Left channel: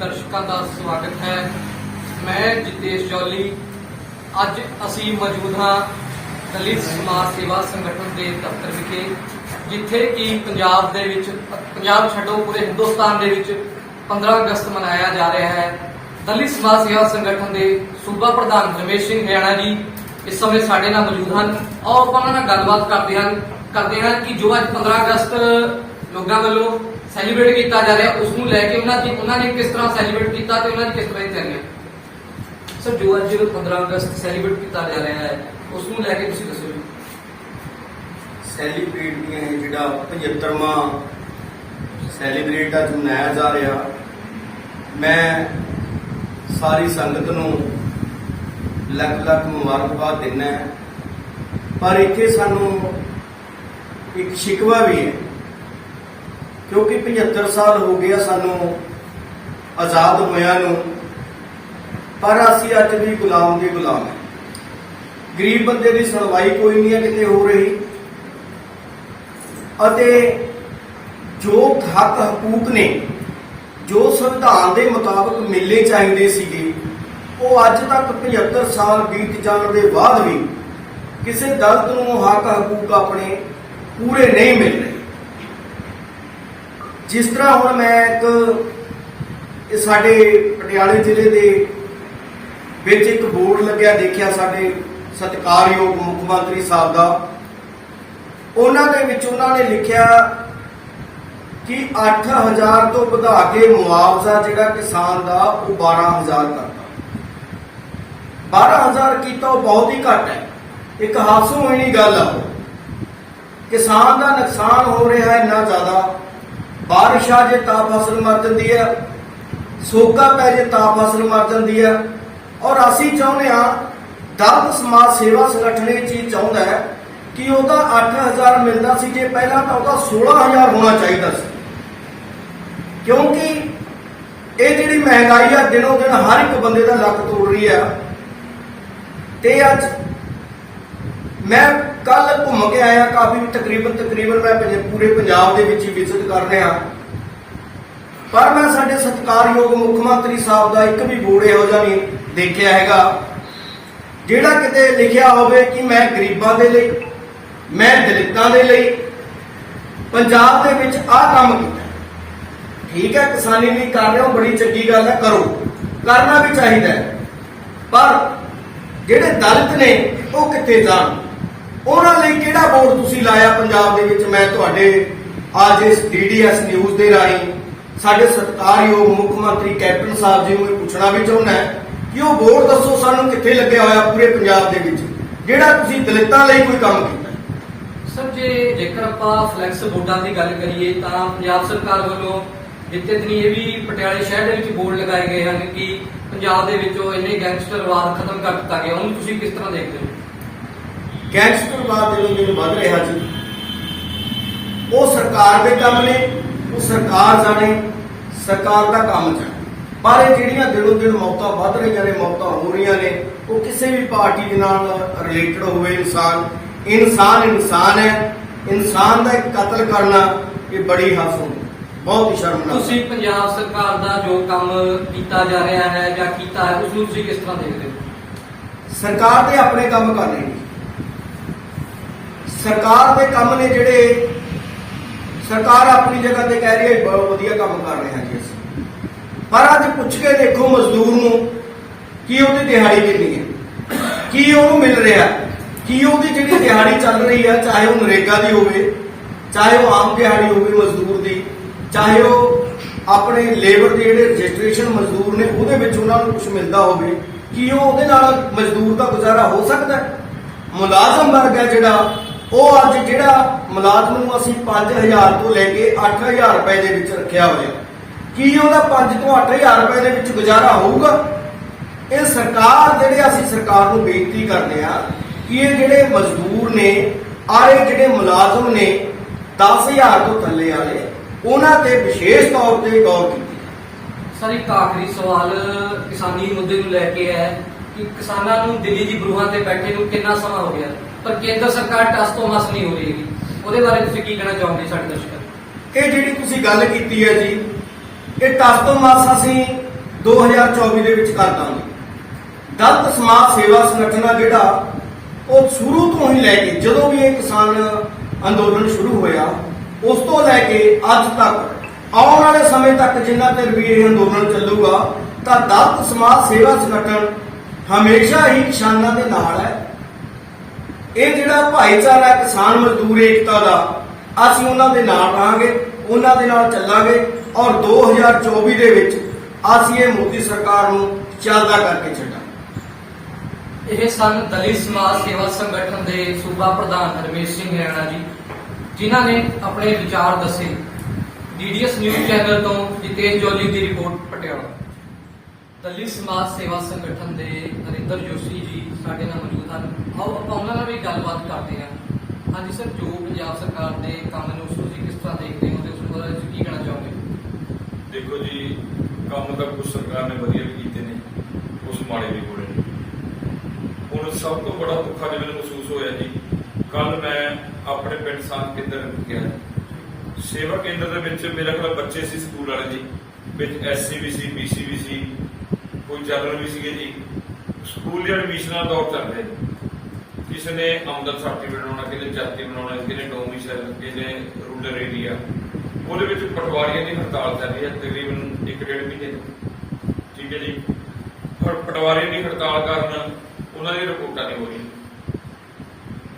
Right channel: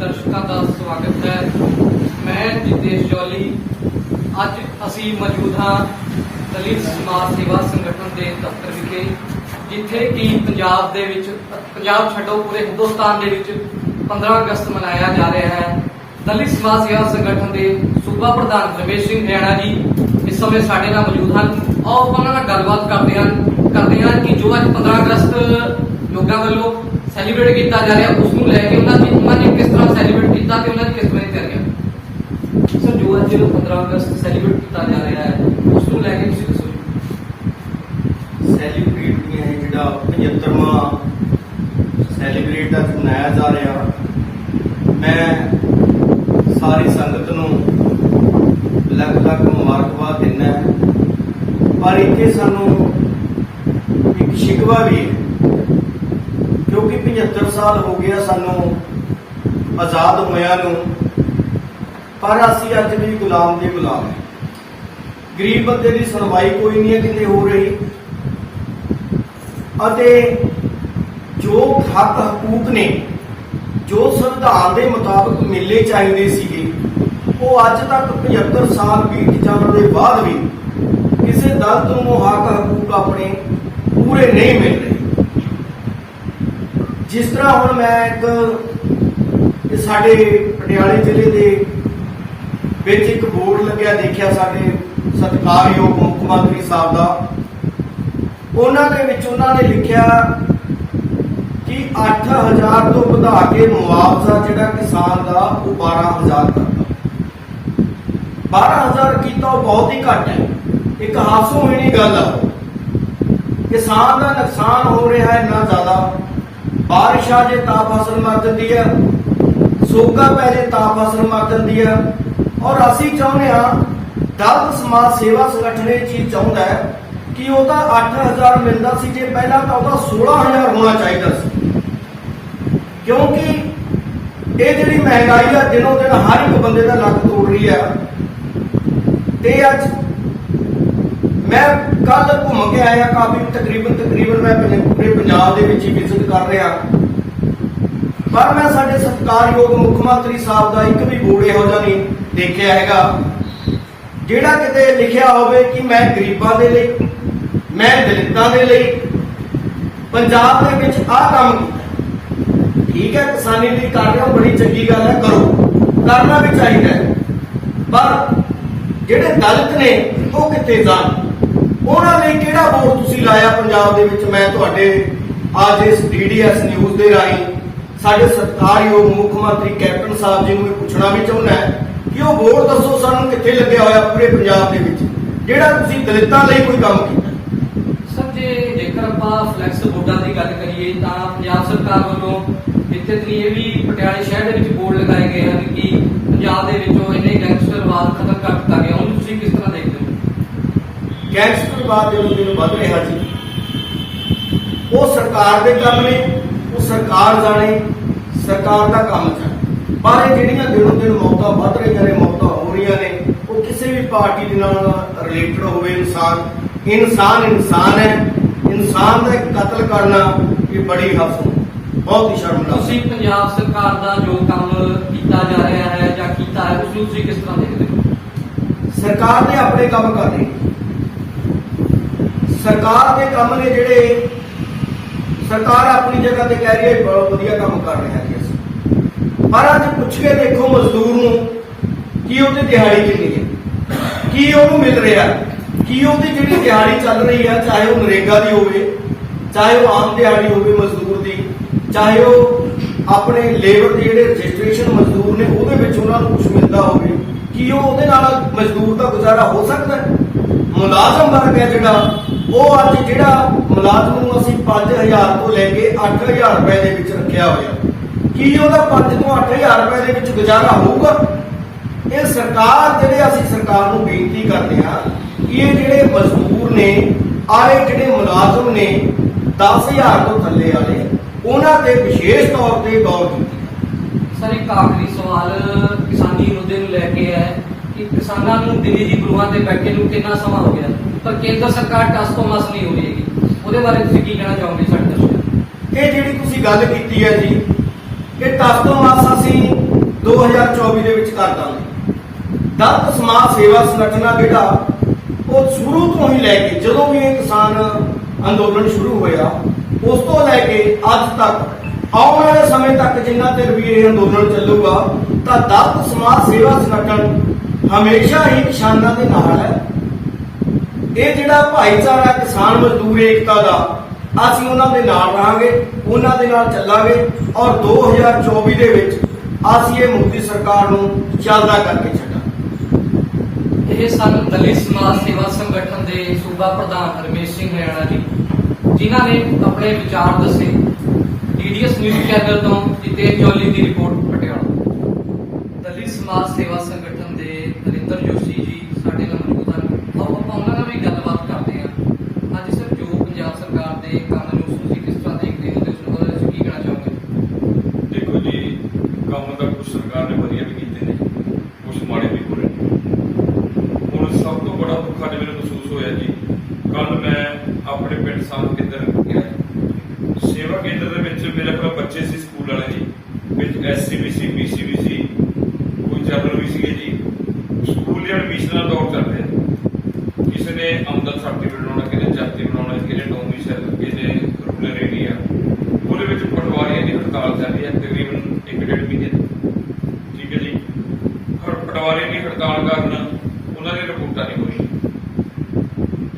दर्शकों का स्वागत है। मैं जितेश जौली। अज असी मौजूद हाँ दलित समाज सेवा संगठन के दफ्तर विखे, जिथे कि पंजाब छड्डो पूरे हिंदुस्तान दे विच 15 अगस्त मनाया जा रहा है। दलित समाज सेवा संगठन के सूबा प्रधान रमेश सिंह हरियाणा जी इस समय साडे नाल मौजूद हैं। और उन्होंने नाल गलबात करते हैं कि जो अज 15 अगस्त लोगों वालों सैलीब्रेट किया जा रहा है उसनूं लैके उन्होंने किस तरह सैलीब्रेट किया तो उन्होंने किस तरह तैयारियां। सर, जो अज 15 अगस्त सैलीब्रेट किया जा रहा है उसनूं लैके तुसीं दसो जी। सैलीब्रेट नहीं है जिहड़ा 75वां सैलीब्रेट अज मनाया जा रहा। मैं सारी संगत नूं लग मुबारकबाद दिना है, पर इत्थे सानूं एक शिकवा भी है क्योंकि 75 साल हो गया सानू आजाद होया नूं, पर असी अज भी गुलाम दे गुलाम है। गरीब बंदे की सुनवाई कोई नहीं है किते हो रही, अते जो हक हकूक ने जो संविधान के मुताबिक मिलने चाहिए सीगे वो अज तक 75 साल बीत जाने के बाद भी किसी दलित नूं हक हकूक अपने पूरे नहीं मिल रहे। जिस तरह हुण मैं एक साडे पटियाले जिले के विच एक बोर्ड लग्या देखिया साडे सत्कारयोग मुख मंत्री साहब का, उन्होंने लिखिया कि 8000 तो बढ़ा के मुआवजा जिहड़ा किसान का वो 12000 करता। 12000 किया बहुत ही घट है। एक हासो होनी गल है, किसान का नुकसान हो रहा है इन्ना ज्यादा। बारिश आ जाए ता फसल मर जाती है, सोका पै जाए ता फसल मर जाती है। और असी चाहते हैं दलित समाज सेवा संगठन ये चीज चाहता है कि वह 8000 मिलता सी, जे पहला तो वह 16000 होना चाहिए सी, क्योंकि ये जी महंगाई है दिनों दिन हर एक बंदे का लक तोड़ रही है। ते अज मैं कल घूम के आया काफी तकरीबन मैं पूरे पंजाब के विजिट कर रहा, पर मैं साडे सत्कारयोग मुख मंत्री साहब का एक भी बोर्ड इहो जिहा नहीं देखिया हैगा जिहड़ा किते लिखिया होवे कि मैं गरीबां दे लई, मैं दलितां दे लई पंजाब दे विच आह काम कीता। ठीक है, किसानी भी कर रहे हो, बड़ी चंगी गल है, करो, करना भी चाहिए, पर जिहड़े दलित ने वो कित्थे जाण, उन्हां लई किहड़ा बोर्ड तुसीं लाया पंजाब दे विच। मैं तुहाडे अज इस DDS न्यूज़ दे राहीं साडे सत्कारयोग मुख मंत्री कैप्टन साहब जी नूं पुछना भी चाहुंदा है कि वो बोर्ड दसो सानूं कित्थे लग्गिया होया पूरे पंजाब दे विच जिहड़ा तुसीं दलितां लई कोई काम कीता। सर, जेकर आपां फ्लैक्स बोर्डां की गल करिए तां पंजाब सरकार वालों इत्थे ये भी पटियाले शहर दे विच बोर्ड लगाए गए हैं कि पंजाब दे विचों इन्ने गैंगस्टरवाद खत्म कर दित्ता गया। उहनूं तुसीं किस तरह देखदे हो? गैंगस्टरवाद दिनों दिन बढ़ रहा जी, वो सरकार के काम ने, वो सरकार जाने, सरकार का काम जाने, पर ਜਿਹੜੀਆਂ दिनों दिन मौतां बढ़ रही ने, मौतां हो रही ने, वो किसी भी पार्टी के नाल रिलेटेड होवे। इंसान है, इंसान का एक कतल करना ये बड़ी हासो बहुत ही शर्मनाक। तुसीं पंजाब सरकार का जो काम किया जा रहा है या कीता है उसनूं तुसीं किस तरह देखदे हो? सरकार ने अपने काम कर रही, सरकार के काम ने जिहड़े सरकार अपनी जगह ते कह रही है बहुत वधिया काम कर रहे हैं जी असीं, पर अज पुछ के देखो मजदूर नूं कि उहदी दिहाड़ी कितनी है, की उहनूं मिल रहा, की उहदी जिहड़ी दिहाड़ी चल रही है, चाहे वो नरेगा दी होवे, चाहे वो आम दिहाड़ी होवे मजदूर दी, चाहे वो अपने लेबर के जिहड़े रजिस्ट्रेशन मजदूर ने उहदे विच उहनां नूं कुछ मिलदा होवे, की उहदे नाल मजदूर का गुजारा हो सकता है? मुलाजम वर्ग है जिहड़ा वो अज जिहड़ा मुलाजम नूं असीं 5000 तो लैके 8000 रुपए दे विच रखिया होया, की ਉਹਦਾ 5 ਤੋਂ 8000 रुपए ਦੇ ਵਿੱਚ ਗੁਜ਼ਾਰਾ ਹੋਊਗਾ? ਇਹ ਸਰਕਾਰ ਜਿਹੜੇ ਅਸੀਂ ਸਰਕਾਰ ਨੂੰ ਬੇਨਤੀ ਕਰਦੇ ਆ ਕਿ ਇਹ ਜਿਹੜੇ ਮਜ਼ਦੂਰ ਨੇ ਆਏ ਜਿਹੜੇ ਮੁਲਾਜ਼ਮ ਨੇ 10000 ਤੋਂ ਥੱਲੇ ਵਾਲੇ ਉਹਨਾਂ ਤੇ ਵਿਸ਼ੇਸ਼ ਤੌਰ ਤੇ ਗੌਰ ਕੀਤੀ। सर, एक आखिरी सवाल किसानी मुद्दे नूं लैके है कि किसानां नूं दिल्ली दी गृहां ते बैठे नूं कितना समा हो गया, पर केंद्र सरकार टस तो मस नहीं हो रही है, ਉਹਦੇ ਬਾਰੇ ਤੁਸੀਂ ਕੀ ਕਹਿਣਾ ਚਾਹੋਗੇ ਸਾਡੇ ਦਰਸ਼ਕਾਂ? ਇਹ ਜਿਹੜੀ ਤੁਸੀਂ ਗੱਲ ਕੀਤੀ ਹੈ ਜੀ, ਇਹ ਟਸ ਤੋਂ ਮਸ ਅਸੀਂ 2024 ਦੇ ਵਿੱਚ ਕਰ ਦਾਂਗੇ। ਦਲਿਤ ਸਮਾਜ ਸੇਵਾ ਸੰਗਠਨ ਆ ਜਿਹੜਾ ਉਹ ਸ਼ੁਰੂ ਤੋਂ ਹੀ ਲੈ ਕੇ ਜਦੋਂ ਵੀ ਇਹ ਕਿਸਾਨ ਅੰਦੋਲਨ ਸ਼ੁਰੂ ਹੋਇਆ ਉਸ ਤੋਂ ਲੈ ਕੇ ਅੱਜ ਤੱਕ ਆਉਣ ਵਾਲੇ ਸਮੇਂ ਤੱਕ ਜਿੰਨਾ ਚਿਰ ਵੀ ਇਹ ਅੰਦੋਲਨ ਚੱਲੂਗਾ ਤਾਂ ਦਲਿਤ ਸਮਾਜ ਸੇਵਾ ਸੰਗਠਨ ਹਮੇਸ਼ਾ ਹੀ ਕਿਸਾਨਾਂ ਦੇ ਨਾਲ ਹੈ। ਇਹ ਜਿਹੜਾ ਭਾਈਚਾਰਾ ਕਿਸਾਨ ਮਜ਼ਦੂਰ ਏਕਤਾ ਦਾ ਅਸੀਂ ਉਹਨਾਂ ਦੇ ਨਾਲ ਰਹਾਂਗੇ, ਉਹਨਾਂ ਦੇ ਨਾਲ ਚੱਲਾਂਗੇ ਔਰ 2024 ਦੇ ਵਿੱਚ ਅਸੀਂ ਇਹ ਮੋਦੀ ਸਰਕਾਰ ਨੂੰ ਚੱਲਦਾ ਕਰਕੇ ਛੱਡਾਂਗੇ। ਇਹ ਸਨ ਦਲਿਤ ਸਮਾਜ ਸੇਵਾ ਸੰਗਠਨ ਦੇ ਸੂਬਾ ਪ੍ਰਧਾਨ ਰਮੇਸ਼ ਸਿੰਘ ਹਰਿਆਣਾ ਜੀ, ਜਿਨ੍ਹਾਂ ਨੇ ਆਪਣੇ ਵਿਚਾਰ ਦੱਸੇ। DDS ਨਿਊਜ਼ ਚੈਨਲ ਤੋਂ ਜਿਤੇਸ਼ ਜੋਲੀ ਦੀ ਰਿਪੋਰਟ ਪਟਿਆਲਾ। ਦਲਿਤ ਸਮਾਜ ਸੇਵਾ ਸੰਗਠਨ ਦੇ ਨਰਿੰਦਰ ਜੋਸ਼ੀ ਜੀ ਸਾਡੇ ਨਾਲ ਮੌਜੂਦ ਹਨ। ਆਓ ਆਪਾਂ ਉਹਨਾਂ ਨਾਲ ਵੀ ਗੱਲਬਾਤ ਕਰਦੇ ਹਾਂ। ਹਾਂਜੀ ਸਰ, ਜੋ ਪੰਜਾਬ ਸਰਕਾਰ ਦੇ ਕੰਮ ਨੂੰ ਤੁਸੀਂ ਕਿਸ ਤਰ੍ਹਾਂ ਦੇਖਦੇ ਹੋ ਤੇ ਉਸ ਬਾਰੇ ਤੁਸੀਂ ਕੀ ਕਹਿਣਾ ਚਾਹੋਗੇ? ਦੇਖੋ ਜੀ, ਕੰਮ ਤਾਂ ਕੁਝ ਸਰਕਾਰ ਨੇ ਵਧੀਆ ਵੀ ਕੀਤੇ ਨੇ, ਕੁਝ ਮਾੜੇ ਵੀ ਹੋ ਰਹੇ ਨੇ। ਹੁਣ ਸਭ ਤੋਂ ਬੜਾ ਦੁੱਖ ਅੱਜ ਮੈਨੂੰ ਮਹਿਸੂਸ ਹੋਇਆ ਜੀ, ਕੱਲ ਮੈਂ ਆਪਣੇ ਪਿੰਡ ਸਾਧ ਕੇਂਦਰ ਗਿਆ। ਸੇਵਾ ਕੇਂਦਰ ਦੇ ਵਿੱਚ ਮੇਰੇ ਕੋਲ ਬੱਚੇ ਸੀ ਸਕੂਲ ਵਾਲੇ ਜੀ, ਵਿੱਚ SC ਵੀ ਸੀ, BC ਵੀ ਸੀ, ਕੋਈ ਜਨਰਲ ਵੀ ਸੀਗੇ ਜੀ। ਸਕੂਲ ਦੇ ਐਡਮਿਸ਼ਨਾਂ ਦਾ ਦੌਰ ਚੱਲ ਰਿਹਾ। ਕਿਸੇ ਨੇ ਆਮਦਨ ਸਰਟੀਫਿਕੇਟ ਬਣਾਉਣਾ, ਕਿਸੇ ਨੇ ਜਾਤੀ ਬਣਾਉਣਾ, ਕਿਸੇ ਨੇ ਡੋਮਿਸਾਈਲ, ਕਿਸੇ ਨੇ ਰੂਰਲ ਏਰੀਆ। ਉਹਦੇ ਵਿੱਚ ਪਟਵਾਰੀਆਂ ਦੀ ਹੜਤਾਲ ਚੱਲਦੀ ਹੈ ਤਕਰੀਬਨ 1.5 ਮਹੀਨੇ। ਠੀਕ ਹੈ ਜੀ, ਪਟਵਾਰੀਆਂ ਦੀ ਹੜਤਾਲ ਕਾਰਨ ਉਹਨਾਂ ਦੀਆਂ ਰਿਪੋਰਟਾਂ ਨਹੀਂ ਹੋ ਰਹੀਆਂ।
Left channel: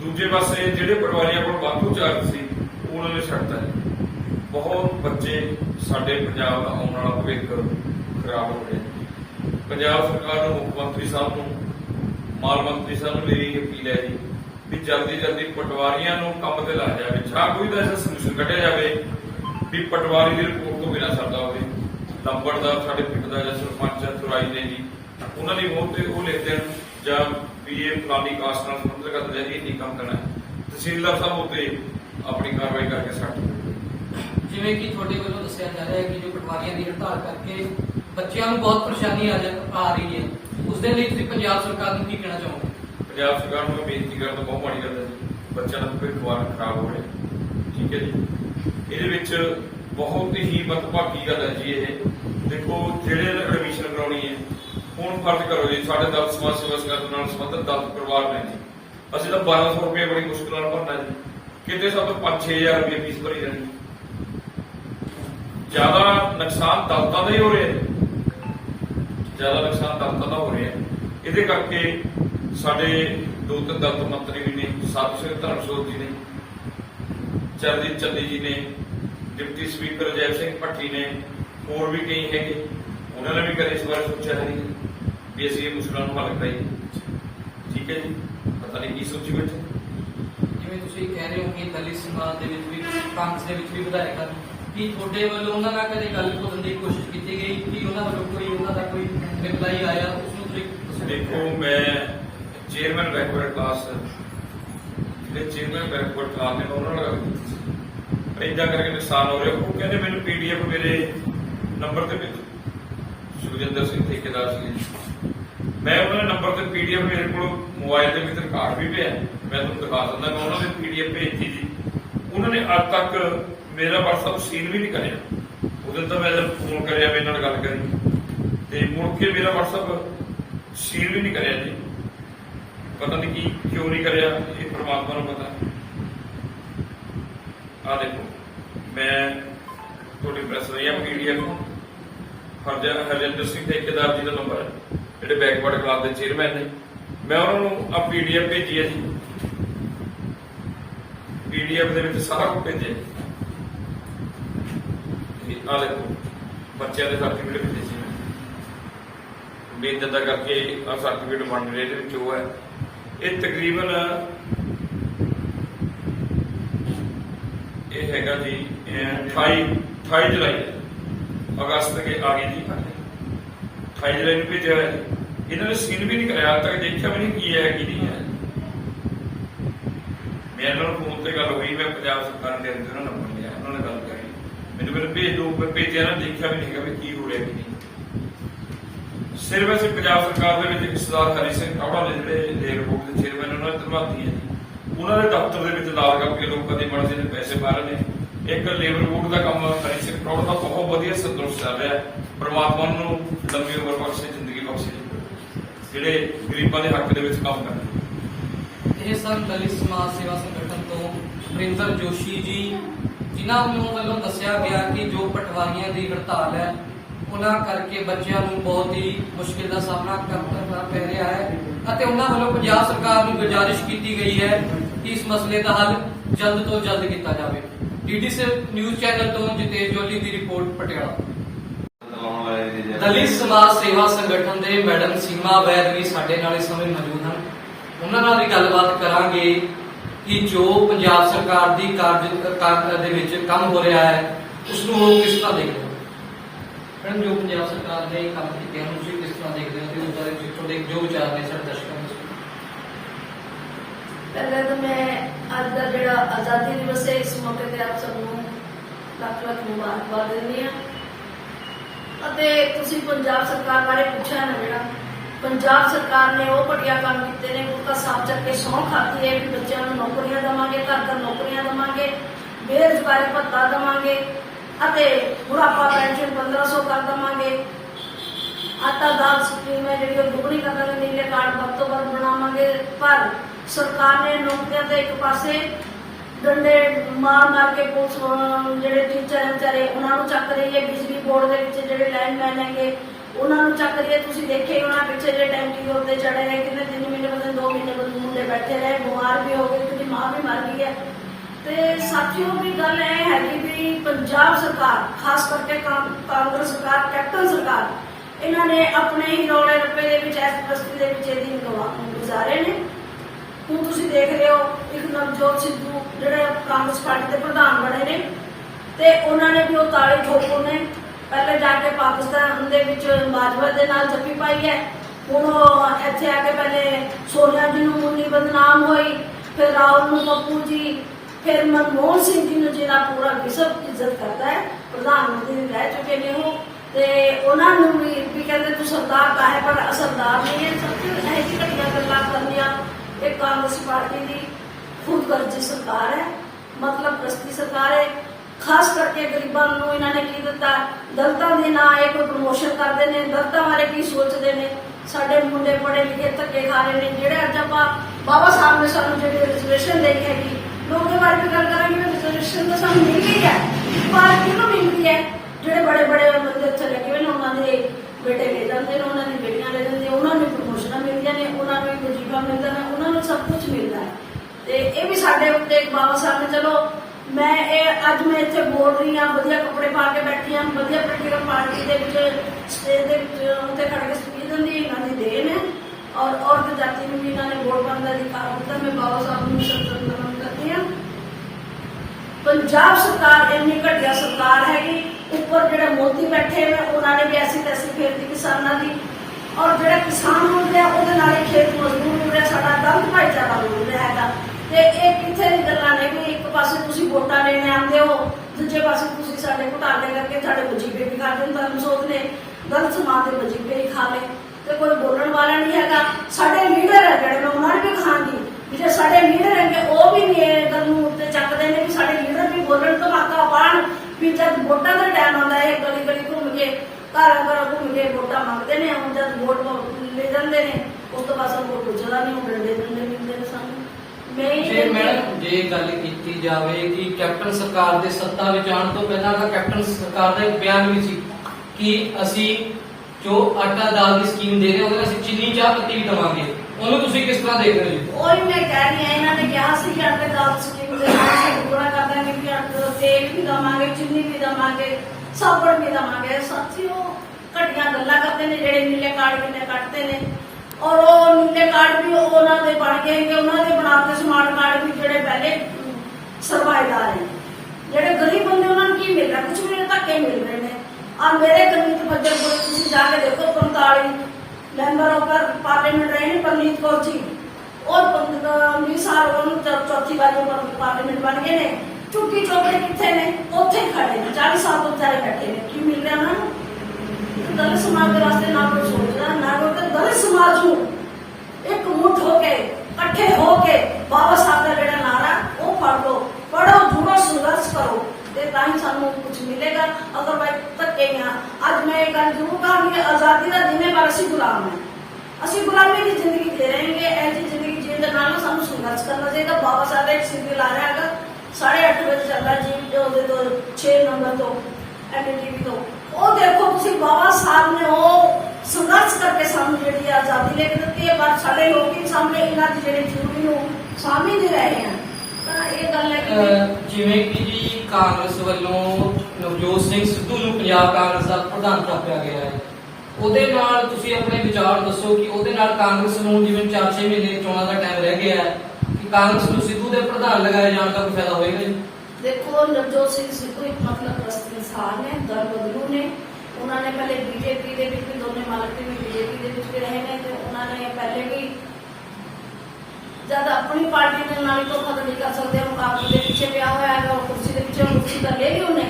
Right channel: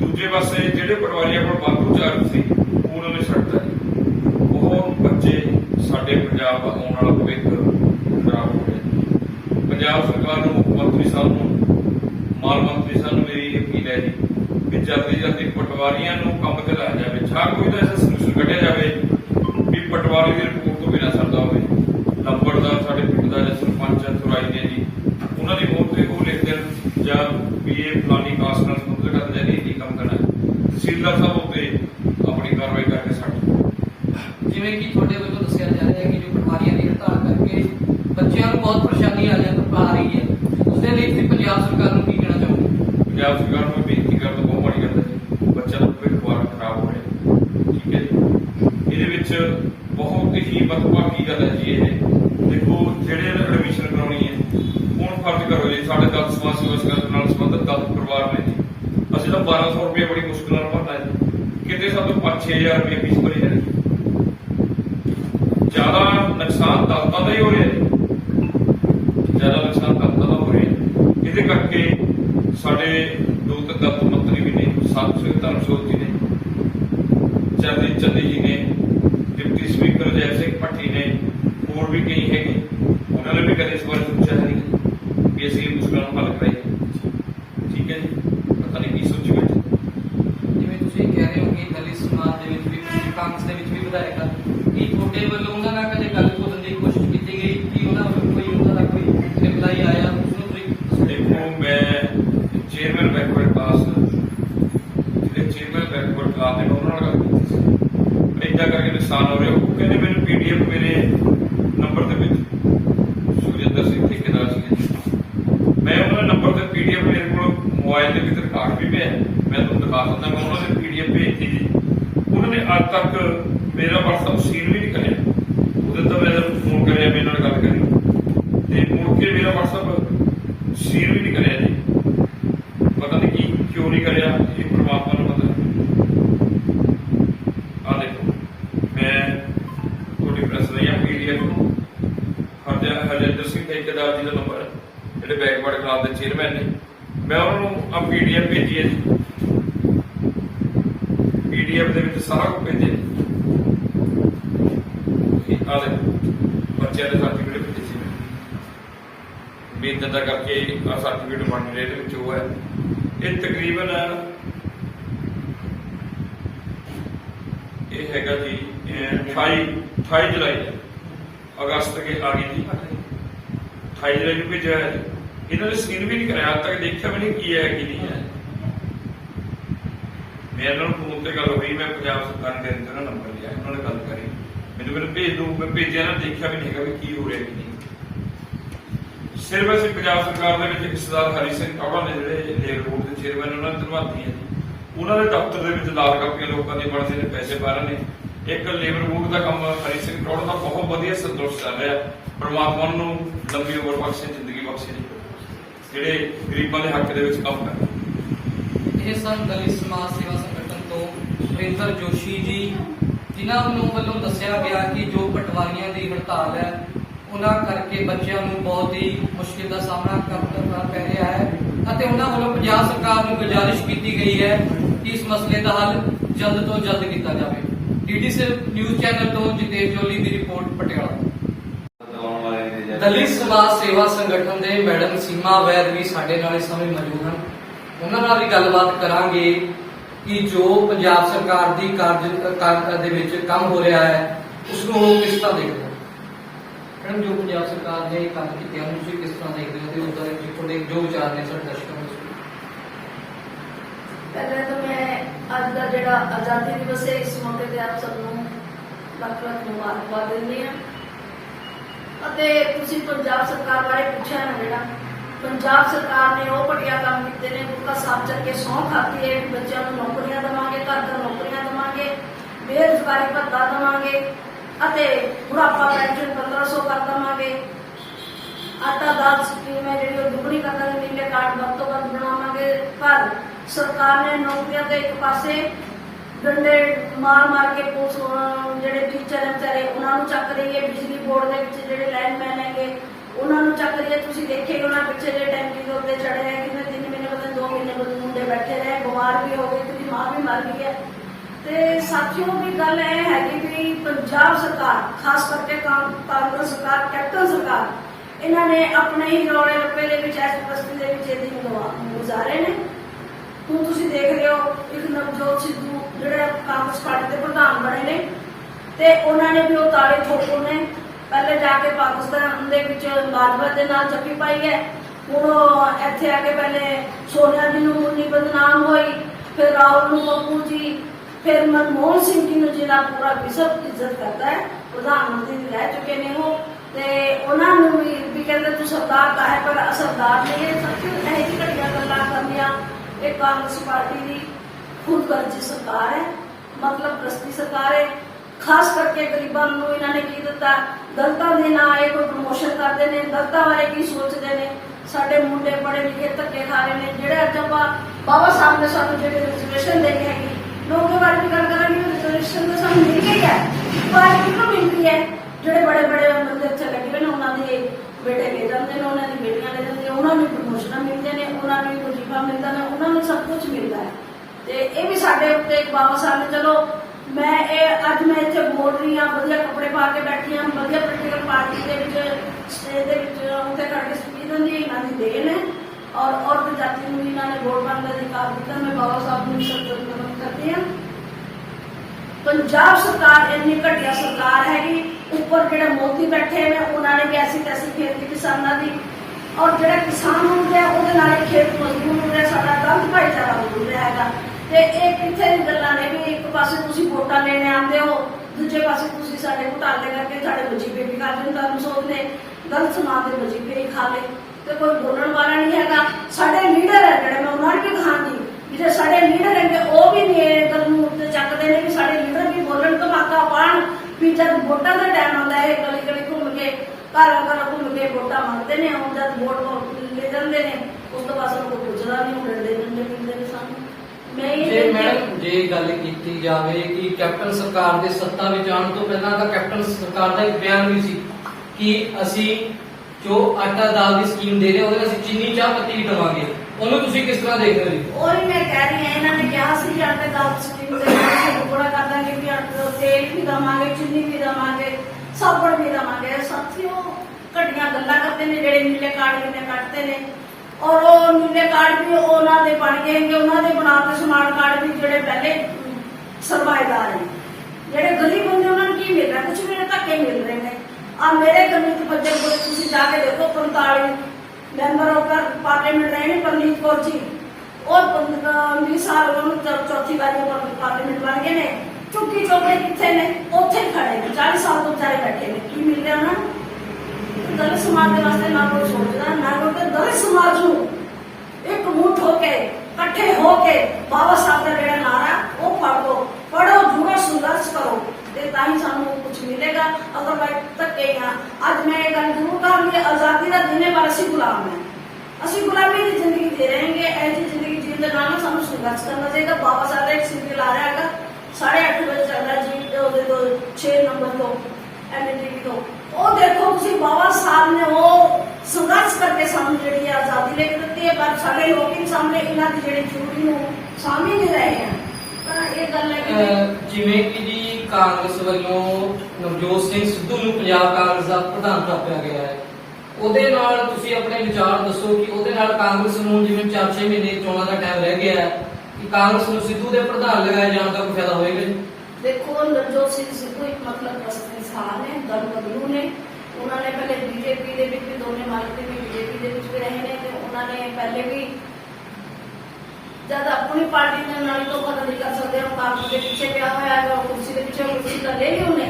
ਦੂਜੇ ਪਾਸੇ ਜਿਹੜੇ ਪਟਵਾਰੀਆਂ ਕੋਲ ਵਾਧੂ ਚਾਰਜ ਸੀ ਉਹਨਾਂ ਨੇ ਛੱਡਤਾ। ਬਹੁਤ ਬੱਚੇ ਸਾਡੇ ਪੰਜਾਬ ਦਾ ਆਉਣ ਵਾਲਾ ਭਵਿੱਖ ਖਰਾਬ ਹੋ ਰਿਹਾ। ਪੰਜਾਬ ਸਰਕਾਰ ਨੂੰ, ਮੁੱਖ ਮੰਤਰੀ ਸਾਹਿਬ ਨੂੰ, ਮਾਲ ਮੰਤਰੀ ਸਾਹਿਬ ਨੂੰ ਮੇਰੀ ਅਪੀਲ ਹੈ ਜੀ ਕਿ ਜਲਦੀ ਪਟਵਾਰੀਆਂ ਨੂੰ ਕੰਮ ਤੇ ਲਾਇਆ ਜਾਵੇ। ਜਾਂ ਕੋਈ ਤਾਂ ਐਸਾ ਸੋਲੂਸ਼ਨ ਕੱਢਿਆ ਜਾਵੇ ਵੀ ਪਟਵਾਰੀ ਦੀ ਰਿਪੋਰਟ ਤੋਂ ਬਿਨਾਂ ਸਰਦਾ ਹੋਵੇ। ਨੰਬਰਦਾਰ ਸਾਡੇ ਪਿੰਡ ਦਾ ਜਾਂ ਸਰਪੰਚ ਚੁਰਾਈ ਨੇ ਜੀ, ਉਹਨਾਂ ਦੀ ਮੋਹਰ ਤੇ ਉਹ ਲਿਖ ਦੇਣ ਜਾਂ ਵੀ ਇਹ ਫਲਾਨੀ ਕਾਸਟ ਨਾਲ ਸੰਬੰਧਿਤ ਕਰਦਾ ਜਾਂ ਇਹ ਕੰਮ ਕਰਨਾ। ਤਹਿਸੀਲਦਾਰ ਸਾਹਿਬ ਉੱਤੇ ਆਪਣੀ ਕਾਰਵਾਈ ਕਰਕੇ ਛੱਡ। ਜਿਵੇਂ ਕਿ ਤੁਹਾਡੇ ਵੱਲੋਂ ਦੱਸਿਆ ਜਾ ਰਿਹਾ ਹੈ ਕਿ ਜੋ ਪਟਵਾਰੀਆਂ ਦੀ ਹੜਤਾਲ ਕਰਕੇ ਬੱਚਿਆਂ ਨੂੰ ਬਹੁਤ ਪਰੇਸ਼ਾਨੀ ਆ ਰਹੀ ਹੈ, ਉਸ ਦੇ ਲਈ ਤੁਸੀਂ ਪੰਜਾਬ ਸਰਕਾਰ ਨੂੰ ਕੀ ਕਹਿਣਾ ਚਾਹੋਗੇ? ਪੰਜਾਬ ਸਰਕਾਰ ਨੂੰ ਬੇਨਤੀ ਕਰਨਾ ਬਹੁਤ ਮਾੜੀ ਗੱਲ ਹੈ ਜੀ, ਬੱਚਿਆਂ ਦਾ ਭਵਿੱਖ ਵਾਰ ਖਰਾਬ ਹੋ ਰਿਹਾ। ਠੀਕ ਹੈ ਜੀ, ਇਹਦੇ ਵਿੱਚ ਬਹੁਤ ਹੀ ਮੰਦਭਾਗੀ ਗੱਲ ਹੈ ਜੀ। ਇਹ ਦੇਖੋ, ਜਿਹੜੇ ਐਡਮਿਸ਼ਨ ਕਰਾਉਣੀ ਹੈ ਹੁਣ ਫਰਜ਼ ਕਰੋ ਜੀ, ਸਾਡੇ ਦਲਿਤ ਸਮਾਜ ਸੇਵਾ ਸੰਗਠਨ ਨਾਲ ਸੰਬੰਧਿਤ ਦਲਿਤ ਪਰਿਵਾਰ ਨੇ ਜੀ, ਅਸੀਂ ਤਾਂ 1200 ਰੁਪਏ ਬੜੀ ਮੁਸ਼ਕਿਲ ਨਾਲ ਭਰਨਾ ਜੀ, ਕਿਤੇ ਸਭ ਤੋਂ 5-6000 ਰੁਪਏ ਫੀਸ ਭਰੀ ਜਾਣੀ। ਜ਼ਿਆਦਾ ਨੁਕਸਾਨ ਦਲਿਤਾਂ ਦਾ ਹੀ ਹੋ ਰਿਹਾ, ਜ਼ਿਆਦਾ ਨੁਕਸਾਨ ਦਲਿਤਾਂ ਦਾ ਹੋ ਰਿਹਾ। ਇਹਦੇ ਕਰਕੇ ਸਾਡੇ ਦੋ ਤਿੰਨ ਦਲਿਤ ਮੰਤਰੀ ਵੀ ਨੇ, ਸਾਧੂ ਸਿੰਘ ਧਰਮਸੋਤ ਜੀ ਨੇ, ਚੰਦੀ ਜੀ ਨੇ, ਡਿਪਟੀ ਸਪੀਕਰ ਜੈ ਸਿੰਘ ਭੱਟੀ ਨੇ, ਹੋਰ ਵੀ ਕਈ ਹੈਗੇ। ਉਹਨਾਂ ਨੇ ਵੀ ਕਦੇ ਇਸ ਬਾਰੇ ਸੋਚਿਆ ਨਹੀਂ ਵੀ ਅਸੀਂ ਇਹ ਮੁਸ਼ਕਲਾਂ ਨੂੰ ਹੱਲ ਕਰਾਈਏ। ਠੀਕ ਹੈ ਜੀ, ਪਤਾ ਨਹੀਂ ਕੀ ਸੋਚੀ ਬੈਠੇ। ਜਿਵੇਂ ਤੁਸੀਂ ਕਹਿ ਰਹੇ ਹੋ ਕਿ ਦਲਿਤ ਸਮਾਜ ਦੇ ਵਿੱਚ ਵੀ, ਕਾਂਗਰਸ ਦੇ ਵਿੱਚ ਵੀ ਵਿਧਾਇਕ ਹਨ, ਕੀ ਤੁਹਾਡੇ ਵੱਲੋਂ ਉਹਨਾਂ ਨਾਲ ਕਦੇ ਗੱਲ ਕਰਨ ਦੀ ਕੋਸ਼ਿਸ਼ ਕੀਤੀ ਗਈ ਕਿ ਉਹਨਾਂ ਵੱਲੋਂ ਉਹਨਾਂ ਦਾ ਕੋਈ ਰਿਪਲਾਈ ਆਇਆ? ਉਸ ਨੂੰ ਤੁਸੀਂ ਦੇਖੋ, ਮੈਂ ਚੇਅਰਮੈਨ ਬੈਕਵਰਡ ਕਲਾਸ, ਜਿਹੜੇ ਚੇਅਰਮੈਨ ਬੈਕਵਰਡ ਕਲਾਸ ਨੇ ਉਹਨਾਂ ਨਾਲ ਗੱਲ ਕੀਤੀ ਸੀ। ਏਦਾਂ ਕਰਕੇ ਨੁਕਸਾਨ ਹੋ ਰਿਹਾ। ਉਹ ਕਹਿੰਦੇ ਮੈਨੂੰ PDF ਮੇਰੇ ਨੰਬਰ ਦੇ ਵਿੱਚ, ਸੁਖਜਿੰਦਰ ਸਿੰਘ ਠੇਕੇਦਾਰ ਸੀ, ਮੈਂ ਉਹਨਾਂ ਦੇ ਨੰਬਰ ਤੇ PDF ਮੇਰੇ ਕੋਲ ਮੋਬਾਈਲ ਦੇ ਵਿੱਚ ਰਿਕਾਰਡ ਵੀ ਪਿਆ, ਮੈਂ ਤੁਹਾਨੂੰ ਦਿਖਾ ਦਿੰਦਾ। ਮੈਂ ਉਹਨਾਂ ਦੇ PDF ਭੇਜੀ ਜੀ, ਉਹਨਾਂ ਨੇ ਅੱਜ ਤੱਕ ਮੇਰਾ WhatsApp ਸੀਨ ਵੀ ਨਹੀਂ ਕਰਿਆ। ਉਦੋਂ ਤਾਂ ਮੈਂ ਫੋਨ ਕਰਿਆ, ਮੇਰੇ ਨਾਲ ਗੱਲ ਕਰੀ ਤੇ ਮੁੜ ਕੇ ਮੇਰਾ WhatsApp ਸੀਨ ਵੀ ਨਹੀਂ ਕਰਿਆ ਜੀ। ਪਤਾ ਨਹੀਂ ਕਿਉਂ ਨਹੀਂ ਕਰਿਆ, ਇਹ ਪ੍ਰਮਾਤਮਾ ਨੂੰ ਪਤਾ। ਆ ਦੇਖੋ, ਮੈਂ ਤੁਹਾਡੀ ਪ੍ਰੈਸ ਰਹੀ ਹਾਂ PDF ਨੂੰ, ਹਰਜਿੰਦਰ ਸਿੰਘ ਠੇਕੇਦਾਰ ਜੀ ਦਾ ਨੰਬਰ ਹੈ, ਜਿਹੜੇ ਬੈਕਵਰਡ ਕਲਾਸ ਦੇ ਚੇਅਰਮੈਨ ਨੇ। ਮੈਂ ਉਹਨਾਂ ਨੂੰ ਆ PDF ਭੇਜੀ ਹੈ ਜੀ, PDF ਦੇ ਵਿੱਚ ਸਾਰਾ ਕੁਝ ਭੇਜਿਆ। ਆ ਦੇਖੋ, ਬੱਚਿਆਂ ਦੇ ਸਰਟੀਫਿਕੇਟ ਭੇਜੇ ਸੀ ਮੈਂ, ਬੇਨਤੀ ਕਰਕੇ ਆ ਸਰਟੀਫਿਕੇਟ ਬਣ ਰਹੇ। ਇਹਦੇ ਵਿੱਚ ਉਹ ਹੈ, ਇਹ ਤਕਰੀਬਨ ਇਹ ਹੈਗਾ ਜੀ 28 ਜੁਲਾਈ, ਅਗਸਤ ਕੇ ਆ ਗਈ ਜੀ, 28 ਜੁਲਾਈ ਨੂੰ ਭੇਜਿਆ। ਇਹਨਾਂ ਨੇ ਸੀਨ ਵੀ ਨਹੀਂ ਕਰਿਆ, ਅੱਜ ਤੱਕ ਦੇਖਿਆ ਵੀ ਨਹੀਂ ਕੀ ਹੈ ਕੀ ਨਹੀਂ ਹੈ। ਮੇਰੇ ਨਾਲ ਫੋਨ ਤੇ ਗੱਲ ਹੋਈ, ਮੈਂ ਪੰਜਾਬ ਸਰਕਾਰ ਦੇ ਅੰਦਰ ਨੰਬਰ ਲਿਆ, ਉਹਨਾਂ ਨੇ ਗੱਲ ਕਰੀ, ਮੈਨੂੰ ਭੇਜ ਦੋ, ਮੈਂ ਭੇਜਿਆ ਨਾ, ਦੇਖਿਆ ਵੀ ਨਹੀਂ ਹੈਗਾ ਵੀ ਕੀ ਹੋ ਰਿਹਾ ਕੀ ਨਹੀਂ। ਸਿਰਫ ਅਸੀਂ ਪੰਜਾਬ ਸਰਕਾਰ ਦੇ ਵਿੱਚ ਸਰਦਾਰ ਹਰੀ ਸਿੰਘ ਕੌੜਾ ਦੇ ਜਿਹੜੇ ਲੇਬਰ ਬੋਰਡ ਦੇ ਚੇਅਰਮੈਨ, ਉਹਨਾਂ ਦੇ ਧੰਨਵਾਦੀ ਹੈ। ਉਹਨਾਂ ਦੇ ਦਫ਼ਤਰ ਦੇ ਵਿੱਚ ਲਾ ਕਰਕੇ ਲੋਕਾਂ ਦੀ ਮਰਜ਼ੀ ਦੇ ਪੈਸੇ ਪਾ ਰਹੇ ਨੇ। ਇੱਕ ਲੇਬਰ ਬੋਰਡ ਦਾ ਕੰਮ ਹਰੀ ਸਿੰਘ ਕੌੜਾ ਦਾ ਬਹੁਤ ਵਧੀਆ ਸੰਤੁਸ਼ਟ ਚੱਲ ਰਿਹਾ। ਪਰਮਾਤਮਾ ਨੂੰ ਲੰਬੀ ਉਮਰ ਬਖਸ਼ੇ, ਜ਼ਿੰਦਗੀ ਬਖਸ਼ੇ, ਜਿਹੜੇ ਗਰੀਬਾਂ ਦੇ ਹੱਕ ਦੇ ਵਿੱਚ ਕੰਮ ਕਰਦੇ। ਇਹ ਸਨ ਦਲਿਤ ਸਮਾਜ ਸੇਵਾ ਸੰਗਠਨ ਤੋਂ ਵਰਿੰਦਰ ਜੋਸ਼ੀ ਜੀ, ਜਿਨ੍ਹਾਂ ਵੱਲੋਂ ਦੱਸਿਆ ਗਿਆ ਕਿ ਜੋ ਪਟਵਾਰੀਆਂ ਦੀ ਹੜਤਾਲ ਹੈ ਉਹਨਾਂ ਕਰਕੇ ਬੱਚਿਆਂ ਨੂੰ ਬਹੁਤ ਹੀ ਮੁਸ਼ਕਿਲ ਦਾ ਸਾਹਮਣਾ ਕਰਨਾ ਪੈ ਰਿਹਾ ਹੈ ਅਤੇ ਉਹਨਾਂ ਵੱਲੋਂ ਪੰਜਾਬ ਸਰਕਾਰ ਨੂੰ ਗੁਜ਼ਾਰਿਸ਼ ਕੀਤੀ ਗਈ ਹੈ ਕਿ ਇਸ ਮਸਲੇ ਦਾ ਹੱਲ ਜਲਦ ਤੋਂ ਜਲਦ ਕੀਤਾ ਜਾਵੇ। ਡੀਡੀਸੀ ਨਿਊਜ਼ ਚੈਨਲ ਤੋਂ ਜਿਤੇਸ਼ ਜੋਲੀ ਦੀ ਰਿਪੋਰਟ, ਪਟਿਆਲਾ। ਦਲਿਤ ਸਮਾਜ ਸੇਵਾ ਸੰਗਠਨ ਦੇ ਮੈਡਮ ਸੀਮਾ ਵੈਦ ਵੀ ਸਾਡੇ ਨਾਲ ਇਸ ਸਮੇਂ ਮੌਜੂਦ ਹਨ। ਉਹਨਾਂ ਨਾਲ ਵੀ ਗੱਲਬਾਤ ਕਰਾਂਗੇ ਕਿ ਜੋ ਪੰਜਾਬ ਸਰਕਾਰ ਦੀ ਕਾਰਜ ਦੇ ਵਿੱਚ ਕੰਮ ਹੋ ਰਿਹਾ ਹੈ ਉਸ ਨੂੰ ਉਹ ਕਿਸ ਤਰ੍ਹਾਂ ਦੇਖਦੇ ਹੋ। ਮੈਡਮ, ਜੋ ਪੰਜਾਬ ਸਰਕਾਰ ਨੇ ਕੰਮ ਕੀਤੇ ਹਨ ਤੁਸੀਂ ਕਿਸ ਤਰ੍ਹਾਂ ਦੇਖਦੇ ਹੋ ਤੇ ਉਸ ਬਾਰੇ ਤੁਹਾਡੇ ਜੋ ਵਿਚਾਰ ਨੇ ਸਾਡੇ ਦਰਸ਼ਕਾਂ ਨੂੰ। ਪਹਿਲੇ ਤਾਂ ਮੈਂ ਅੱਜ ਦਾ ਜਿਹੜਾ ਆਜ਼ਾਦੀ ਦਿਵਸ ਹੈ ਇਸ ਮੌਕੇ ਤੇ ਆਪ ਸਭ ਨੂੰ ਲੱਖ ਲੱਖ ਮੁਬਾਰਕਬਾਦ ਦਿੰਦੀ ਹਾਂ। ਅਤੇ ਤੁਸੀਂ ਪੰਜਾਬ ਸਰਕਾਰ ਬਾਰੇ ਪੁੱਛਿਆ ਨਾ, ਜਿਹੜਾ ਪੰਜਾਬ ਸਰਕਾਰ ਨੇ ਉਹ ਘਟੀਆ ਕੰਮ ਕੀਤੇ ਨੇ, ਉਹਦਾ ਸਾਫ ਚੱਕ ਕੇ ਸਹੁੰ ਖਾਤੀ ਹੈ ਵੀ ਬੱਚਿਆਂ ਨੂੰ ਨੌਕਰੀਆਂ ਦੇਵਾਂਗੇ, ਘਰ ਘਰ ਨੌਕਰੀਆਂ ਦੇਵਾਂਗੇ, ਬੇਰੁਜ਼ਗਾਰੀ ਭੱਤਾ ਦੇਵਾਂਗੇ ਅਤੇ ਬੁਢਾਪਾ ਪੈਨਸ਼ਨ 1500 ਕਰ ਦੇਵਾਂਗੇ, ਆਟਾ ਦਾਲ ਸਕੀਮ ਹੈ ਜਿਹੜੀ ਉਹ ਦੁੱਗਣੀ ਕਰ ਦੇਵਾਂਗੇ, ਨੀਲੇ ਕਾਰਡ ਵੱਧ ਤੋਂ ਵੱਧ ਬਣਾਵਾਂਗੇ। ਪਰ ਸਰਕਾਰ ਨੇ ਨੌਕਰੀਆਂ ਦੇ ਇੱਕ ਪਾਸੇ ਡੰਡੇ ਮਾਰ ਕੇ ਪੁਲਿਸ ਜਿਹੜੇ ਟੀਚਰ ਵਿਚਾਰੇ ਉਹਨਾਂ ਨੂੰ ਚੱਕ ਰਹੀ ਹੈ, ਬਿਜਲੀ ਬੋਰਡ ਦੇ ਵਿੱਚ ਜਿਹੜੇ ਲਾਈਨਮੈਨ ਹੈਗੇ ਉਹਨਾਂ ਨੂੰ ਚੱਕ ਰਹੀ ਹੈ। ਤੁਸੀਂ ਦੇਖੇ ਉਹਨਾਂ ਪਿੱਛੇ ਜਿਹੜੇ ਟੈਂਕੀ ਦੇ ਉੱਤੇ ਚੜੇ ਨੇ, ਕਿੰਨੇ 3 ਮਹੀਨੇ ਬਦਲੇ 2 ਮਹੀਨੇ ਬਦਲੇ ਮੁੰਡੇ ਬੈਠੇ ਰਹੇ, ਬਿਮਾਰ ਵੀ ਹੋ ਗਏ, ਕਿਉਂਕਿ ਮਾਂ ਵੀ ਮਰ ਗਈ ਹੈ। ਤੇ ਸਾਥੀਓ ਦੀ ਗੱਲ ਇਹ ਹੈਗੀ ਵੀ ਪੰਜਾਬ ਸਰਕਾਰ, ਖਾਸ ਕਰਕੇ ਕਾਂਗਰਸ ਸਰਕਾਰ, ਕੈਪਟਨ ਸਰਕਾਰ, ਇਹਨਾਂ ਨੇ ਆਪਣੇ ਹੀ ਰੌਲੇ ਰੱਪੇ ਦੇ ਵਿੱਚ ਇਸ ਬਸਤੀ ਦੇ ਵਿੱਚ ਇਹਦੀ ਗੁਜ਼ਾਰੇ ਨੇ। ਹੁਣ ਤੁਸੀਂ ਦੇਖ ਰਹੇ ਹੋ ਇੱਕ ਨਵਜੋਤ ਸਿੱਧੂ ਜਿਹੜੇ ਕਾਂਗਰਸ ਪਾਰਟੀ ਦੇ ਪ੍ਰਧਾਨ ਬਣੇ ਨੇ ਤੇ ਉਹਨਾਂ ਨੇ ਵੀ ਉਹ ਤਾਲੇ ਠੋਕੋ ਨੇ। ਪਹਿਲੇ ਜਾ ਕੇ ਪਾਕਿਸਤਾਨ ਦੇ ਵਿੱਚ ਬਾਜਵਾ ਦੇ ਨਾਲ ਜੱਫੀ ਪਾਈ ਹੈ, ਹੁਣ ਉਹ ਇੱਥੇ ਆ ਕੇ ਪਹਿਲੇ ਸੋਨੀਆ ਜੀ ਨੂੰ ਮੁੰਨੀ ਬਦਨਾਮ ਹੋਈ, ਫਿਰ ਰਾਹੁਲ ਨੂੰ ਪੱਪੂ ਜੀ, ਫਿਰ ਮਨਮੋਹਨ ਸਿੰਘ ਜੀ ਨੂੰ ਜਿਹੜਾ ਪੂਰਾ ਵਿਸ਼ਵ ਇੱਜ਼ਤ ਕਰਦਾ ਹੈ, ਪ੍ਰਧਾਨ ਮੰਤਰੀ ਰਹਿ ਚੁੱਕੇ ਨੇ ਉਹ, ਤੇ ਉਹਨਾਂ ਨੂੰ ਵੀ ਕਹਿੰਦੇ ਤੂੰ ਸਰਦਾਰ ਦਾ ਹੈ ਪਰ ਅਸਰਦਾਰ ਨਹੀਂ ਹੈ। ਸਭ ਕੁਝ ਇਹ ਜਿਹੀ ਘਟੀਆਂ ਗੱਲਾਂ ਕਰਨੀਆਂ ਇਹ ਕਾਂਗਰਸ ਪਾਰਟੀ ਦੀ ਖੁਦਗਰਜ਼ੀ ਸਰਕਾਰ ਹੈ, ਮਤਲਬ ਗਸਤੀ ਸਰਕਾਰ ਹੈ। ਖਾਸ ਕਰਕੇ ਗਰੀਬਾਂ ਨੂੰ ਇਹਨਾਂ ਨੇ ਕੀ ਦਿੱਤਾ, ਦਲਿਤਾਂ ਦੇ ਨਾਂ ਇਹ ਕੋਈ ਪ੍ਰਮੋਸ਼ਨ ਕਰਦੇ ਨੇ, ਦਲਿਤਾਂ ਬਾਰੇ ਕੀ ਸੋਚਦੇ ਨੇ। ਸਾਡੇ ਮੁੰਡੇ ਪੜ੍ਹੇ ਲਿਖੇ ਧੱਕੇ ਖਾ ਰਹੇ ਨੇ, ਜਿਹੜੇ ਅੱਜ ਆਪਾਂ ਬਾਬਾ ਸਾਹਿਬ ਨੇ ਸਾਨੂੰ ਜਿਹੜੀ ਰਿਜ਼ਰਵੇਸ਼ਨ ਦੇਣੀ ਹੈਗੀ, ਲੋਕ ਦੇ ਬਾਰੇ ਵੀ ਗੱਲ ਕਰਾਂਗੇ। ਰਿਜ਼ਰਵੇਸ਼ਨ ਤਾਂ ਸਾਨੂੰ ਮਿਲ ਗਈ ਹੈ, ਪਰ ਕਿਹਨੂੰ ਮਿਲਦੀ ਹੈ? ਜਿਹੜੇ ਬੜੇ ਬੜੇ ਬੰਦੇ ਇੱਥੇ ਲੱਗੇ ਹੋਏ ਨੇ ਉਹਨਾਂ ਦੇ ਬੇਟੇ ਲੈ ਜਾਂਦੇ ਨੇ, ਉਹਨਾਂ ਦੀ ਬੇਟੀਆਂ ਲੈ ਜਾਂਦੀਆਂ, ਉਹਨਾਂ ਨੂੰ ਪ੍ਰਮੋਸ਼ਨਾਂ ਮਿਲਦੀਆਂ ਨੇ, ਉਹਨਾਂ ਨੂੰ ਵਜ਼ੀਫਾ ਮਿਲਦਾ ਨੇ, ਉਹਨਾਂ ਨੂੰ ਸਭ ਕੁਝ ਮਿਲਦਾ ਹੈ। ਤੇ ਇਹ ਵੀ ਸਾਡੇ ਉੱਤੇ ਇੱਕ ਬਾਬਾ ਸਾਹਿਬ ਨੇ, ਚਲੋ ਮੈਂ ਇਹ ਅੱਜ ਮੈਂ ਇੱਥੇ ਬੋਲ ਰਹੀ ਹਾਂ, ਵਧੀਆ ਕੱਪੜੇ ਪਾ ਕੇ ਬੈਠੀ ਹਾਂ, ਵਧੀਆ ਪੋਲੀਟੀਕਲ ਪਾਰਟੀ ਦੇ ਵਿੱਚ ਸਟੇਜ ਦੇ ਵਿੱਚ ਉੱਥੇ ਖੜ ਕੇ ਸਪੀਚ ਦਿੰਦੀ, ਇਹਨਾਂ ਦੀ ਦੇਣ ਹੈ। ਔਰ ਔਰਤ ਜਾਤੀ ਨੂੰ ਇਹਨਾਂ ਨੇ ਵੋਟ ਪਾਉਣ ਦਾ ਅਧਿਕਾਰ ਦਿੱਤਾ। ਮੈਂ ਬਾਬਾ ਸਾਹਿਬ ਨੂੰ ਸ਼ਬਦ ਨਮਨ ਕਰਦੀ ਹਾਂ। ਪੰਜਾਬ ਸਰਕਾਰ ਇੰਨੀ ਘਟੀਆ ਸਰਕਾਰ ਹੈਗੀ, ਉੱਪਰ ਜਿਹੜੇ ਮੋਦੀ ਬੈਠੇ ਨੇ ਉਹਨਾਂ ਨੇ ਵੀ ਐਸੀ ਤੈਸੀ ਖੇਤੀ ਕਿਸਾਨਾਂ ਦੀ, ਔਰ ਜਿਹੜਾ ਕਿਸਾਨ ਹੋ ਗਿਆ ਉਹਦੇ ਨਾਲ ਹੀ ਖੇਤ ਮਜ਼ਦੂਰ ਹੋ ਰਿਹਾ, ਸਾਡਾ ਦਲਿਤ ਭਾਈਚਾਰਾ ਹੋ ਰਿਹਾ ਹੈਗਾ। ਤੇ ਇਹ ਕਿੱਥੇ ਦੀ ਗੱਲਾਂ ਨੇ ਵੀ ਇੱਕ ਪਾਸੇ ਤੁਸੀਂ ਵੋਟਾਂ ਲੈਣੇ ਆਉਂਦੇ ਹੋ, ਦੂਜੇ ਪਾਸੇ ਤੁਸੀਂ ਸਾਡੇ ਘੁਟਾਲੇ ਕਰਕੇ ਸਾਡੇ ਵਜੀਫੇ ਵੀ ਖਾ ਦਿੰਦੇ। ਤੁਹਾਨੂੰ ਸੋਚਦੇ ਦਲਿਤ ਸਮਾਜ ਦੇ ਵਜੀਫੇ ਹੀ ਖਾ ਲਏ ਤੇ ਕੋਈ ਬੋਲਣ ਵਾਲਾ ਨਹੀਂ ਹੈਗਾ। ਸਾਡੇ ਲੀਡਰ ਹੈ ਜਿਹੜੇ, ਮੈਂ ਉਹਨਾਂ ਨੂੰ ਵੀ ਕਹਾਂਗੀ ਵੀ ਜੇ ਸਾਡੇ ਲੀਡਰ ਹੈਗੇ ਉਹ ਵੀ ਨਹੀਂ ਇਹ ਗੱਲ ਨੂੰ ਉੱਤੇ ਚੱਕਦੇ ਨੇ ਕਿ ਸਾਡੇ ਲੀਡਰ ਵੀ ਬੋਲਣ ਤੋਂ ਵਾਕਾ ਪਾਣ ਵੀ ਜਦ ਵੋਟਾਂ ਦਾ ਟਾਈਮ ਆਉਂਦਾ ਹੈ ਗਲੀ ਗਲੀ ਘੁੰਮ ਕੇ ਘਰ ਘਰ ਘੁੰਮ ਕੇ ਵੋਟਾਂ ਮੰਗਦੇ ਨੇ, ਹੁਣ ਜਦ ਵੋਟ ਲੈ ਜਾਂਦੇ ਨੇ ਉਸ ਤੋਂ ਬਾਅਦ ਸਭ ਕੋਈ ਪੁੱਛਦਾ ਨਹੀਂ, ਉਹ ਡਰਦੇ ਦਿੰਦੇ ਨੇ ਸਾਨੂੰ। ਜੇ ਮੈਡਮ ਜੇ ਗੱਲ ਕੀਤੀ ਜਾਵੇ ਕਿ ਕੈਪਟਨ ਸਰਕਾਰ ਦੇ ਸੱਤਾ ਵਿੱਚ ਆਉਣ ਤੋਂ ਪਹਿਲਾਂ ਤਾਂ ਕੈਪਟਨ ਸਰਕਾਰ ਦਾ ਇੱਕ ਬਿਆਨ ਵੀ ਸੀ ਕਿ ਅਸੀਂ ਜੋ ਆਟਾ ਦਾਲ ਦੀ ਸਕੀਮ ਦੇ ਰਹੇ ਉਹਦੇ ਨਾਲ ਅਸੀਂ ਚੀਨੀ ਚਾਹ ਪੱਤੀ ਵੀ ਦੇਵਾਂਗੇ, ਉਹਨੂੰ ਤੁਸੀਂ ਕਿਸ ਤਰ੍ਹਾਂ ਦੇਖ ਰਹੇ ਹੋ? ਉਹੀ ਮੈਂ ਕਹਿ ਰਹੀ ਹਾਂ, ਇਹਨਾਂ ਨੇ ਕਿਹਾ ਸੀ ਕਿ ਆਟਾ ਦਾਲ ਸਕੀਮ ਦੇ ਨਾਲ ਦੁੱਗਣਾ ਕਰ ਦਾਂਗੇ, ਵੀ ਤੇਲ ਵੀ ਦੇਵਾਂਗੇ, ਚੀਨੀ ਵੀ ਦੇਵਾਂਗੇ, ਸਾਬਣ ਵੀ ਦੇਵਾਂਗੇ। ਸਾਥੀਓ ਘਟੀਆਂ ਗੱਲਾਂ ਕਰਦੇ ਨੇ, ਜਿਹੜੇ ਨੀਲੇ ਕਾਰਡ ਕਿੰਨੇ ਕੱਟਦੇ ਨੇ, ਔਰ ਉਹ ਨੀਲੇ ਕਾਰਡ ਵੀ ਉਹਨਾਂ ਦੇ ਬਣ ਗਏ ਕਿ ਉਹਨਾਂ ਦੇ ਬਣਾ ਕੇ ਸਮਾਰਟ ਕਾਰਡ ਵੀ ਜਿਹੜੇ ਪਹਿਲੇ ਸਰਵਾਏਦਾਰ ਨੇ, ਜਿਹੜੇ ਗਰੀਬ ਬੰਦੇ ਉਹਨਾਂ ਨੂੰ ਕੀ ਮਿਲ ਰਿਹਾ? ਕੁਝ ਵੀ ਧੱਕੇ ਮਿਲ ਰਹੇ ਨੇ। ਆ ਮੇਰੇ ਗਰਮੀ ਤੋਂ ਬੱਜਰ ਕੋਲ ਤੁਸੀਂ ਜਾ ਕੇ ਦੇਖੋ, 45 ਮੈਂਬਰ ਉੱਪਰ ਪਾਰਲੀਮੈਂਟ ਰਹੇ ਨੇ, ਪਰਨੀਤ ਕੌਰ ਜੀ, और 20 साल चौथी बार पार्लियामेंट बन गए ने, चुकी चौपड़े कितने ने उथे खड़े ने, 40 साल तो बेचारे बैठे ने, की मिल रहा ना दलित समाज के वास्ते ना कोई सोच रहा ना कोई। दलित समाज एक मुठ होके कट्ठे होके बाबा साहब का जेड़ा नारा वो पढ़ दो, पढ़ो, जुड़ो, संघर्ष करो, ਤਾਂ ਹੀ ਸਾਨੂੰ ਕੁਝ ਮਿਲੇਗਾ, ਅਦਰਵਾਈਜ਼ ਧੱਕੇ ਹੀ ਆ। ਅੱਜ ਮੈਂ ਇਹ ਗੱਲ ਜ਼ਰੂਰ ਕਹਾਂਗੀ, ਆਜ਼ਾਦੀ ਦਾ ਦਿਨ ਹੈ ਪਰ ਅਸੀਂ ਗੁਲਾਮ ਹਾਂ। ਅਸੀਂ ਗੁਲਾਮੀ ਦੀ ਜ਼ਿੰਦਗੀ ਦੇ ਰਹੇਗੇ। ਐਸੀ ਜ਼ਿੰਦਗੀ ਜੀਣ ਦੇ ਨਾਲ ਸਾਨੂੰ ਸੰਘਰਸ਼ ਕਰਨਾ ਚਾਹੀਦਾ। ਬਾਬਾ ਸਾਹਿਬ ਦਾ ਇੱਕ ਸੀਰੀਅਲ ਆ ਰਿਹਾ ਹੈਗਾ 8:30 ਵਜੇ ਚੱਲਦਾ ਜੀ, ਉਹਦੇ ਤੋਂ 6 ਨੰਬਰ ਤੋਂ NDTV ਤੋਂ, ਉਹ ਦੇਖੋ ਤੁਸੀਂ, ਬਾਬਾ ਸਾਹਿਬ ਨੇ ਉਹ ਸੰਘਰਸ਼ ਕਰਕੇ ਸਾਨੂੰ ਜਿਹੜੀ ਆਜ਼ਾਦੀ ਲੈ ਕੇ ਦਿੱਤੀ ਹੈ, ਪਰ ਸਾਡੇ ਲੋਕੀ ਸਾਹਮਣੇ ਇਹਨਾਂ ਦੀ ਜਿਹੜੀ ਚੂੜੀ ਨੂੰ ਸਾਹਮਣੇ ਨਹੀਂ ਰਹੇ ਹਨ। ਤਾਂ ਇਹ ਗੱਲ ਹੈ ਕਿ ਜਿਵੇਂ ਕਿ ਜੀ ਕਾਂਗਰਸ ਵੱਲੋਂ ਨਵਜੋਤ ਸਿੰਘ ਸਿੱਧੂ ਨੂੰ ਪੰਜਾਬ ਕਾਂਗਰਸ ਦਾ ਪ੍ਰਧਾਨ ਥਾਪਿਆ ਗਿਆ ਹੈ, ਉਹਦੇ ਨਾਲ ਤੁਸੀਂ ਆਪਣੇ ਵਿਚਾਰ ਦੱਸੋ ਕਿ ਉਹਦੇ ਨਾਲ ਕਾਂਗਰਸ ਨੂੰ, ਜਿਵੇਂ 4-6 ਮਹੀਨੇ ਚੋਣਾਂ ਦਾ ਟਾਈਮ ਰਹਿ ਗਿਆ ਹੈ, ਕਿ ਕਾਂਗਰਸ ਨੂੰ ਸਿੱਧੂ ਦੇ ਪ੍ਰਧਾਨ ਲਗਾਏ ਜਾਣ ਦਾ ਕੋਈ ਫਾਇਦਾ ਹੋਏਗਾ ਜੀ? ਦੇਖੋ, ਨਵਜੋਤ ਸਿੰਘ ਸਿੱਧੂ ਇੱਕ ਮਤਲਬ ਇਨਸਾਨ ਨੇ, ਦਲ ਬਦਲੂ ਨੇ। ਉਹਨਾਂ ਨੇ ਪਹਿਲੇ BJP ਦੇ ਵਿੱਚ ਵੀ, ਦੋਨੇ ਮਾਲਕ ਵੀ BJP ਦੇ ਵਿੱਚ ਵੀ ਰਹੇ ਨੇ, ਤੇ ਉਹਨਾਂ ਨੇ ਪਹਿਲੇ ਵੀ ਜਦ ਆਪਣੀ ਪਾਰਟੀ ਦੇ ਨਾਲ ਧੋਖਾ ਨਹੀਂ ਕਰ ਸਕਦੇ, ਉਹ ਕਾਂਗਰਸ ਦੇ ਪਿੱਛੇ ਪਿਆ ਹੋਇਆ ਹੈ, ਉਹ ਕੁਰਸੀ ਦੇ ਪਿੱਛੇ ਕੁਰਸੀ ਕਰ ਲੈ ਲਈ ਉਹਨੇ,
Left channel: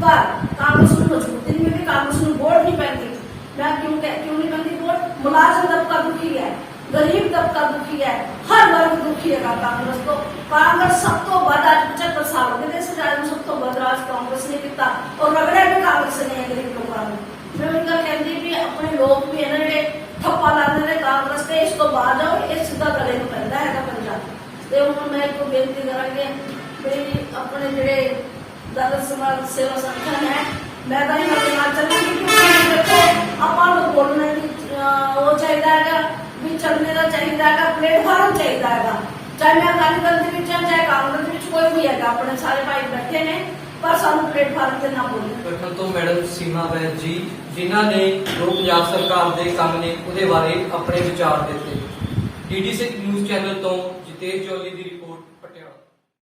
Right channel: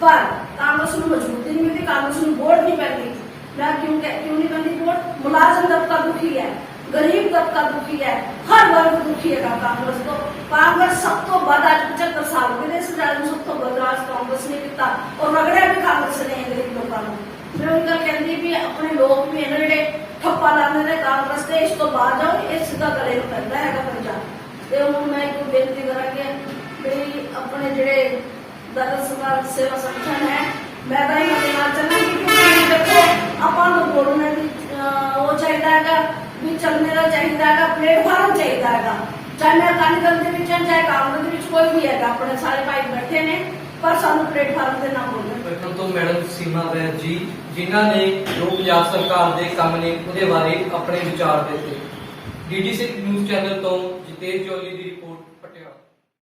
ਪਰ ਕਾਂਗਰਸ ਨੂੰ ਮਜ਼ਬੂਤੀ ਨਹੀਂ ਮਿਲਦੀ, ਕਾਂਗਰਸ ਨੂੰ ਵੋਟ ਨਹੀਂ ਪੈਂਦੀ। ਮੈਂ ਕਿਉਂ ਨਹੀਂ ਪੈਂਦੀ ਵੋਟ? ਮੁਲਾਜ਼ਮ ਤਬਕਾ ਦੁਖੀ ਹੈ, गरीब तबका दुखी है, हर वर्ग दुखी है कांग्रेस को। कांग्रेस सब तो बद आज 75 साल हो गए सब तो बद राज कांग्रेस ने किया और रगड़िया भी कांग्रेस ने है गरीब लोगों को। मैं उनका कहती कि अपने लोग भी है जे ठप्पा लाने ने कांग्रेस से, इस तो बाद जाओ, ये सीधा गले में पैदा है पंजाब। तो हूँ मैं एक बेनती करा मेरी अपने जेडे दल समाज सेवा संगठन है, मैं तो ये चलूंगी क्योंकि देखो अपन बोलने वो चाहिए भी, चलने का चाहिए, प्लेटफार्म चाहिए, चाहे मैं अकाली दल के चाहे कांग्रेस के कोई भी है, अपने सारे भाई बैठे ने, पर सानू प्लेटफार्म से ना बोले। बचपन तो मैडम सीमा वैद जी, जिन्हों ने जो पंजाब सरकार के काम ने उहदे बारे अपने विचार दिते। DD6 न्यूज़ चैनल तो जितेश जौली की रिपोर्ट, पटियाला।